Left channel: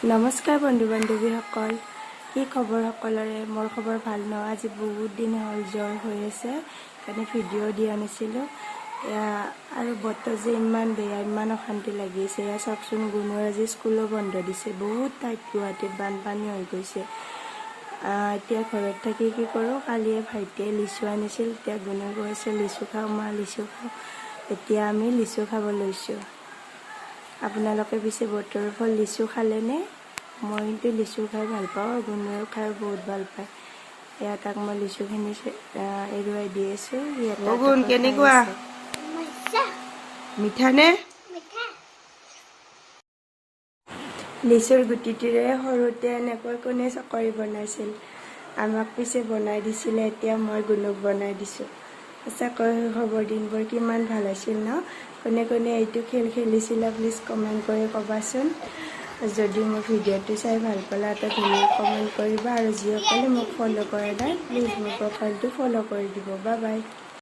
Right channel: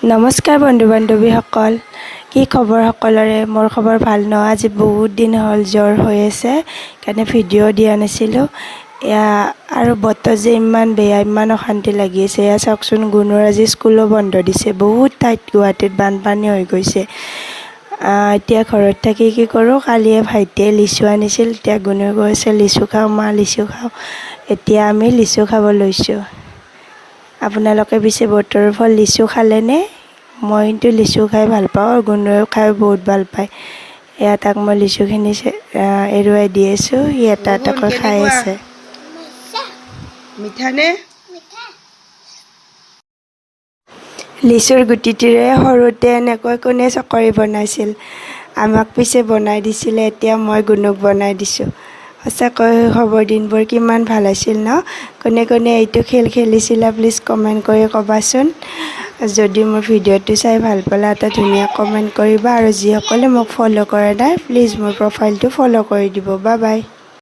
নমস্কাৰ বন্ধু বান্ধৱীসকল, কি খবৰ সকলৰে? মোৰ খবৰ ভাল ন। আজি বহুত দিন হ'ল জ্বৰ হৈ আছে, সেইকাৰণে ভিডিঅ' দিয়া নাছিলোঁ। আৰু বতৰ যে ইমান বেয়া, ইমান অশান্তি লাগি আছে। এয়া চাওকচোন, গুণৰ আজি স্কুলো বন্ধ দিছে। বহুত ঠাইত গুৱাহাটীত বানপানী হৈ গৈছে। এতিয়া ঘৰত থাকি কি কৰোঁ, কালিয়ে ভাইটিয়ে লিচু আনিছিল। এতিয়া গুণে কৈছে লিচু খাওঁ মা, লিচু খাওঁ। এতিয়া আমি লিচু খাব লৈছোঁ। আপোনালোকে পিছে বতৰৰ ফল লিচু খালেনে? মই কিন্তু লিচু খাই ভাল পাওঁ, আৰু গুণেও খাই বহুত ভাল পায়। এয়া তাক মই লিচুখিনি এৰুৱাই দি আছোঁ, সি এটা এটাকৈ খাই আছে। মিঠানে? লিচুৰ গুটিটোৰে সৰুতে এনেকৈ কোনে চকৰি বনাইছিল? আমাক পিছে বনাই দিছিলে, এতিয়া মই গুণক বনাই দিছোঁ। সঁচাকৈ শৈশৱৰ দিনবোৰ কিমান ভাল আছিল ন? কোনে কোনে এইটো খেল খেলিছিলা প্লিজ কমেণ্ট কৰি ক'বাচোন। যদি মোৰ ভিডিঅ'টো চাই ভাল পালা এটা ধুনীয়া কমেণ্ট কৰিবা, আৰু যিসকলে মোক ফ'ল' কৰা নাই প্লিজ মোৰ প্ৰফাইলটো ফ'ল' কৰি দিব। Bye bye.